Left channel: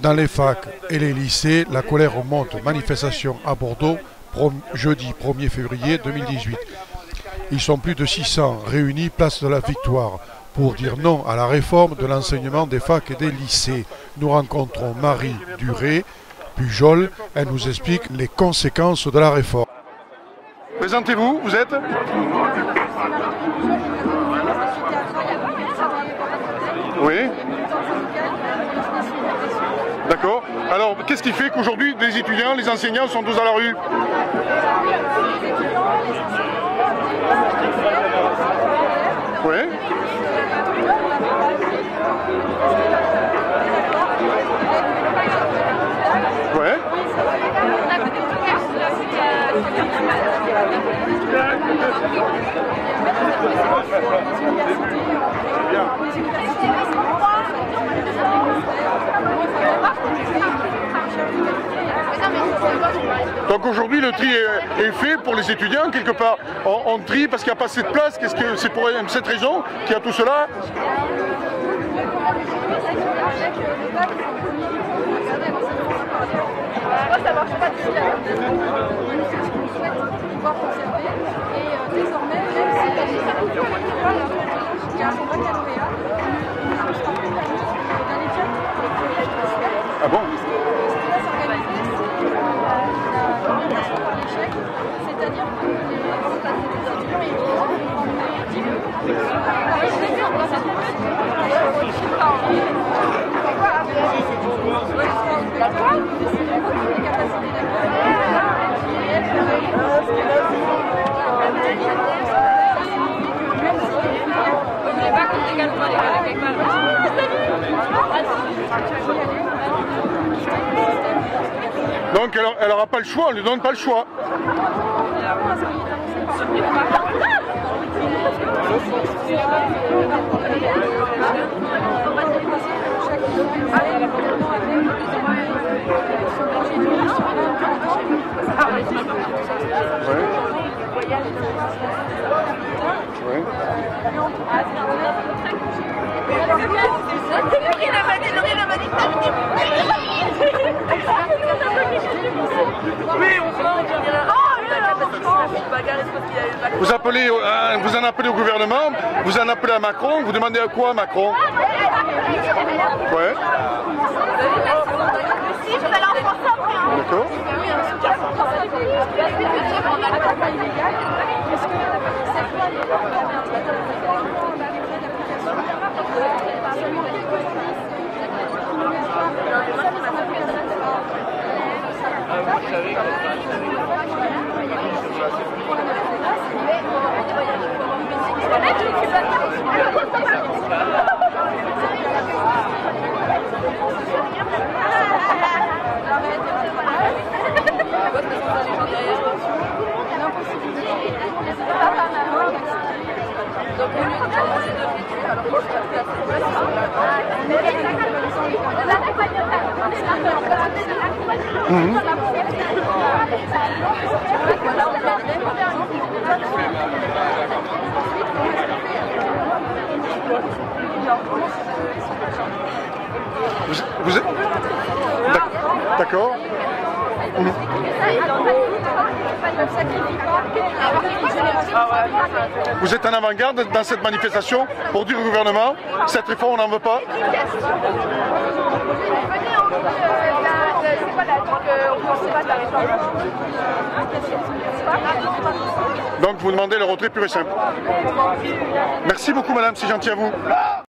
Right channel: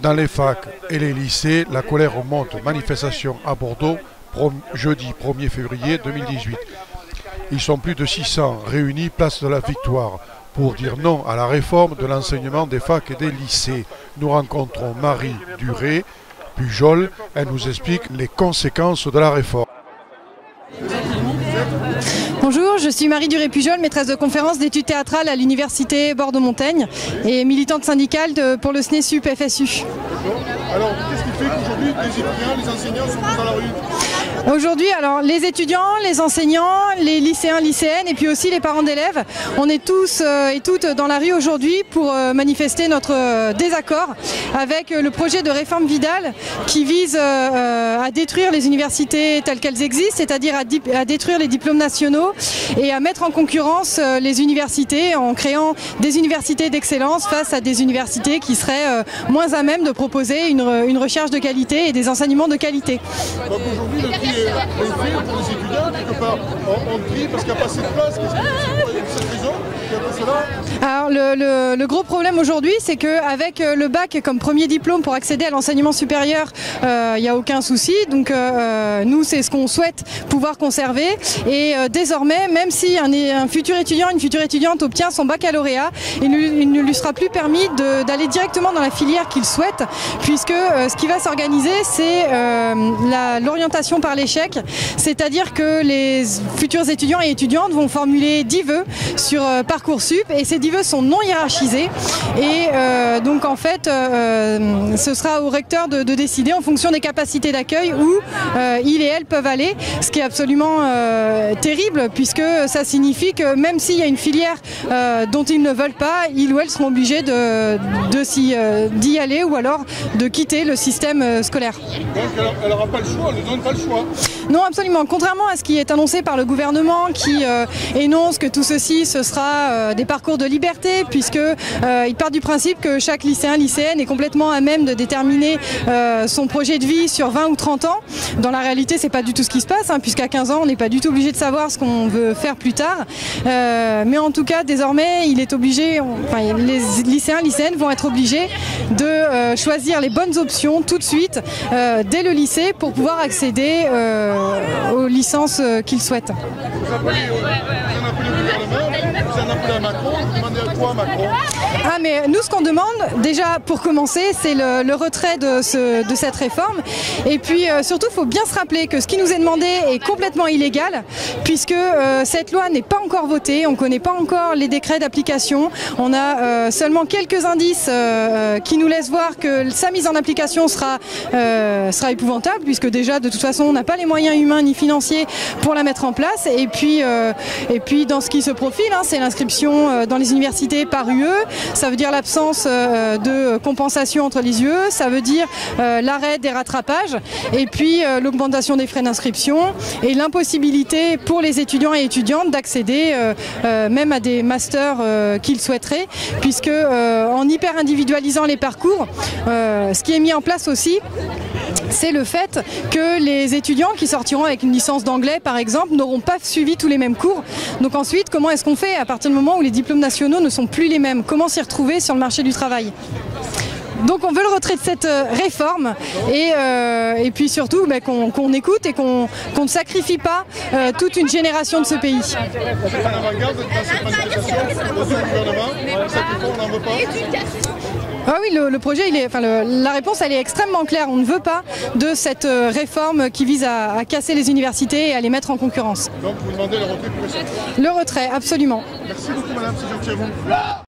Dans les facs et les lycées, la colère remonte. Manifestation à Bordeaux, jeudi 1er février 2018. Ils sont plus de 600 réunis place de la Victoire pour dire non à la réforme de l'enseignement des facs et des lycées. Nous rencontrons Marie Duré-Pujol. Elle nous explique les conséquences de la réforme. Présentez-vous, vous êtes? Bonjour, je suis Marie Duré-Pujol, maîtresse de conférences d'études théâtrales à l'université Bordeaux-Montaigne et militante syndicale pour le SNESUP FSU. D'accord. Alors, qu'est-ce qui fait qu'aujourd'hui les étudiants, les enseignants sont tous dans la rue? Aujourd'hui, alors les étudiants, les enseignants, les lycéens, lycéennes et puis aussi les parents d'élèves, on est tous et toutes dans la rue aujourd'hui pour manifester notre désaccord avec le projet de réforme Vidal qui vise à détruire les universités telles qu'elles existent, c'est-à-dire à détruire les diplômes nationaux et à mettre en concurrence les universités en créant des universités d'excellence face à des universités qui seraient moins à même de proposer une recherche de qualité et des enseignements de qualité. Donc aujourd'hui le tri est fait pour les étudiants quelque part. On trie parce qu'il n'y a pas assez de place. Qu'est-ce que c'est pour cette raison qui a tout cela? Alors le gros problème aujourd'hui, c'est qu'avec le bac comme premier diplôme pour accéder à l'enseignement supérieur, il n'y a aucun souci. Donc nous, c'est ce qu'on souhaite pouvoir conserver. Et désormais, même si un futur étudiant, une future étudiante obtient son baccalauréat, il ne lui sera plus permis d'aller directement dans la filière qu'il souhaite, puisque ce qui va s'organiser, c'est l'orientation par l'échec, c'est-à-dire que les futurs étudiants et étudiantes vont formuler 10 vœux sur Parcoursup et ces 10 vœux sont non hiérarchisés et donc en fait ce sera au recteur de décider en fonction des capacités d'accueil où il et elle peuvent aller, ce qui est absolument terrible puisque ça signifie que même s'il y a une filière dont ils ne veulent pas, ils ou elles seront obligés d'y aller ou alors de quitter le système scolaire. Donc elle n'aura pas le choix, elle ne donne pas le choix. Non, absolument. Contrairement à ce qui est annoncé par le gouvernement qui énonce que tout ceci ce sera des parcours de liberté puisqu'il part du principe que chaque lycéen, lycéenne est complètement à même de déterminer son projet de vie sur 20 ou 30 ans. Dans la réalité, c'est pas du tout ce qui se passe puisqu'à 15 ans, on n'est pas du tout obligé de savoir ce qu'on veut faire plus tard. Mais en tout cas, désormais, il est obligé, les lycéens, lycéennes vont être obligés de choisir les bonnes options tout de suite dès le lycée pour pouvoir accéder aux licences qu'ils souhaitent. Vous en appelez au gouvernement, vous en appelez à Macron, vous demandez à quoi Macron? Mais nous ce qu'on demande, déjà pour commencer, c'est le retrait de cette réforme. Et puis surtout, il faut bien se rappeler que ce qui nous est demandé est complètement illégal, puisque cette loi n'est pas encore votée, on ne connaît pas encore les décrets d'application. On a seulement quelques indices qui nous laissent voir que sa mise en application sera épouvantable, puisque déjà de toute façon on n'a pas les moyens humains ni financiers pour la mettre en place. Et puis dans ce qui se profile, c'est l'inscription dans les universités par UE, ça veut dire l'absence de compensation entre les UE, ça veut dire l'arrêt des rattrapages et puis l'augmentation des frais d'inscription et l'impossibilité pour les étudiants et étudiantes d'accéder même à des masters qu'ils souhaiteraient, puisque en hyper individualisant les parcours, ce qui est mis en place aussi, c'est le fait que les étudiants qui sortiront avec une licence d'anglais par exemple n'auront pas suivi tous les mêmes cours. Donc ensuite, comment est-ce qu'on fait à partir du moment où les diplômes nationaux ne sont plus les mêmes? Comment s'y retrouver sur le marché du travail? Donc on veut le retrait de cette réforme et puis surtout qu'on écoute et qu'on ne sacrifie pas toute une génération de ce pays. Vous êtes en avant-garde dans cette manifestation pour dire au gouvernement cette réforme on n'en veut pas? Ah oui, le projet, la réponse elle est extrêmement claire. On ne veut pas de cette réforme qui vise à casser les universités et à les mettre en concurrence. Donc vous demandez le retrait pur et simple? Le retrait, absolument. Merci beaucoup madame, c'est gentil à vous.